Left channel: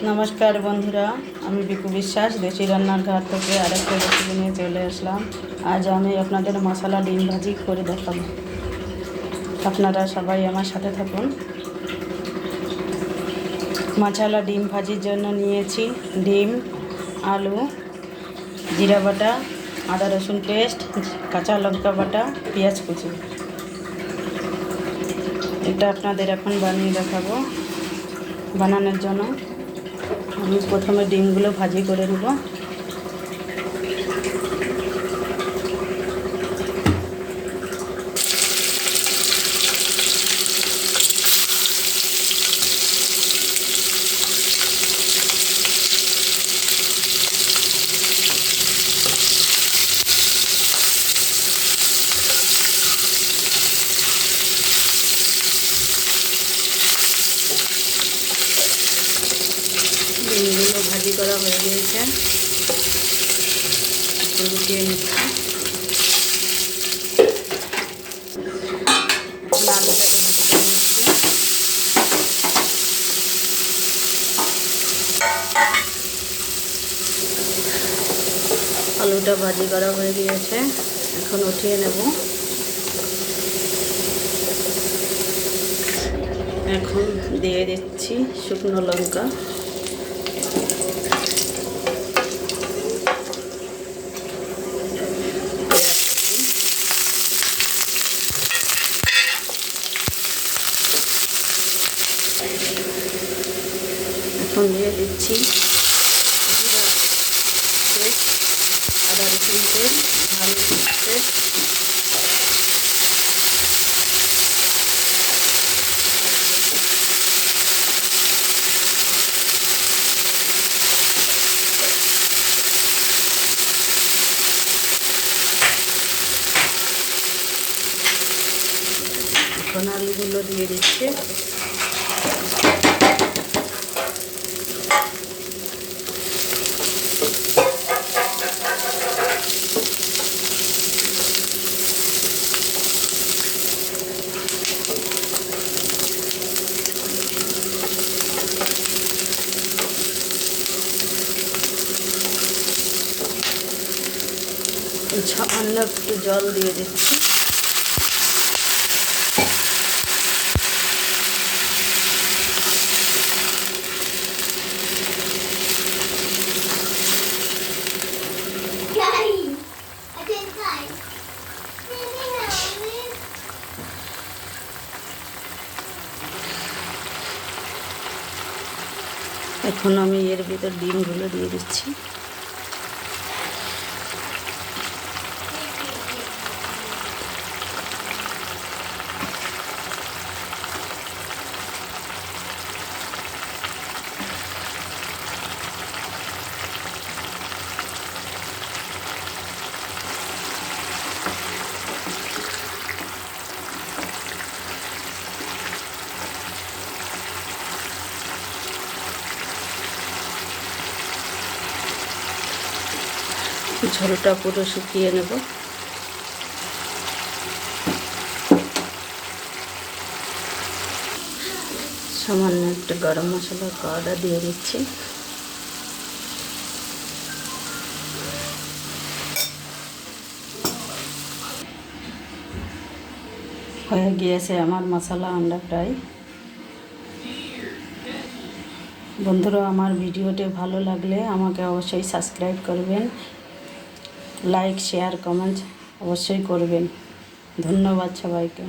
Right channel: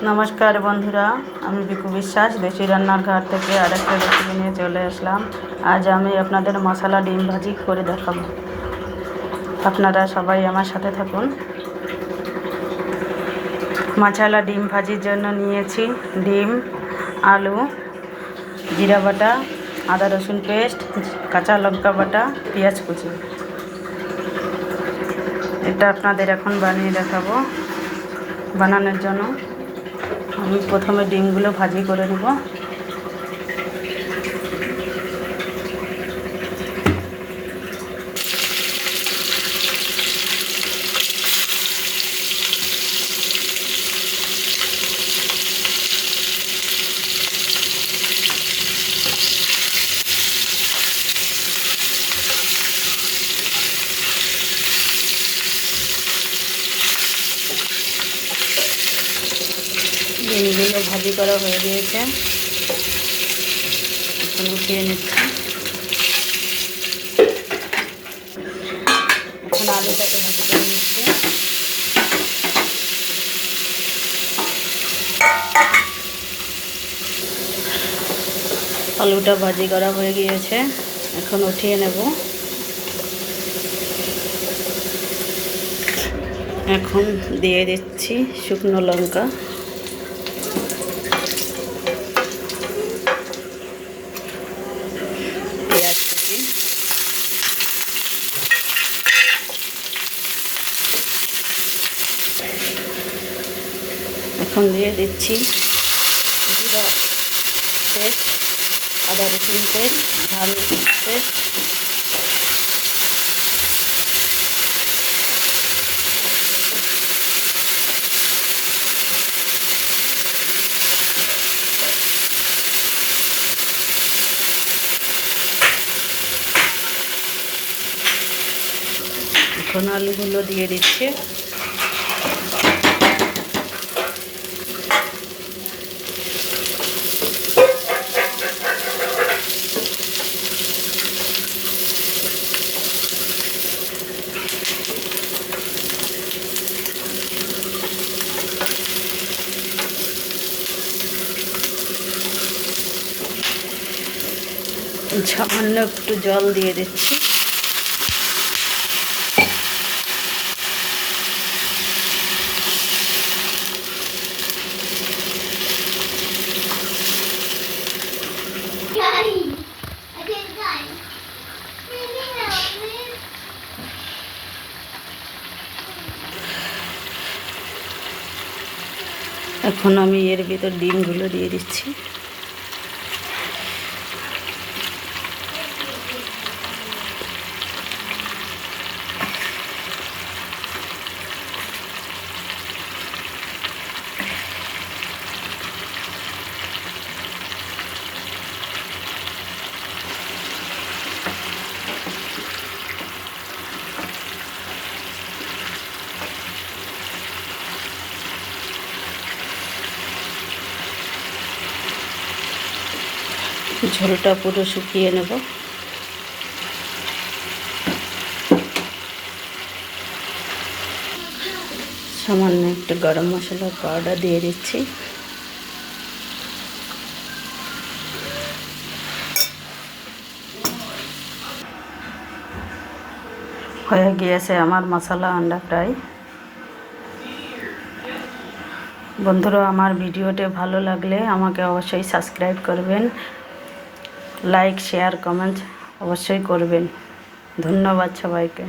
नमस्कार बंधुरा आमी बिकु विश्वास देशी रान्नार घर থেকে আরেকটা রেসিপি নিয়ে চলে আসলাম। আজ আমি আপনাদের মশলা ডিম ভাজি করে দেখাবো। আপনারা সবাই আমার সাথে থাকুন। মশলা ডিম ভাজির জন্য নিয়েছি ডিম, আলু, জিরা বাটা, আদা রসুন পেস্ট, কাঁচা লঙ্কা বাটা, পেঁয়াজ কুচি। এটা আপনাদের এখন বানিয়ে দেখাবো। বানানোর জন্য আমি প্রথমে ডিমগুলো ভাজি করে নেব। ডিমগুলো ভাজি করা হয়ে গিয়েছে, এখন উঠিয়ে নিচ্ছি। এখন আলুটাকে ভাজি করে নিচ্ছি। আলুটা ভাজি করা হয়ে গিয়েছে, এখন উঠিয়ে নেব। এখন দিয়ে দিচ্ছি শুকনো লঙ্কা, এখন দিয়ে দিচ্ছি জিরা পেস্ট, আদা রসুন পেস্ট, ঝাল পেস্ট, এখন আলুগুলো দিয়ে দিচ্ছি। সামান্য একটু জল দিয়ে দিচ্ছি। এখন আমি এর ভিতর ডিমগুলো দিয়ে দিচ্ছি। ঝোলটা পুরো শুকিয়ে নেব। সামান্য একটু গরম মশলার পাউডার দিয়ে দিচ্ছি। হয়ে গিয়েছে আমার মশলা আন্ডা ফ্রাই। বন্ধুরা, আমার ভিডিওটি ভালো লাগলে আমাকে অবশ্যই সাবস্ক্রাইব করবেন, লাইক শেয়ার কমেন্ট অবশ্যই করবেন। ধন্যবাদ সবাইকে।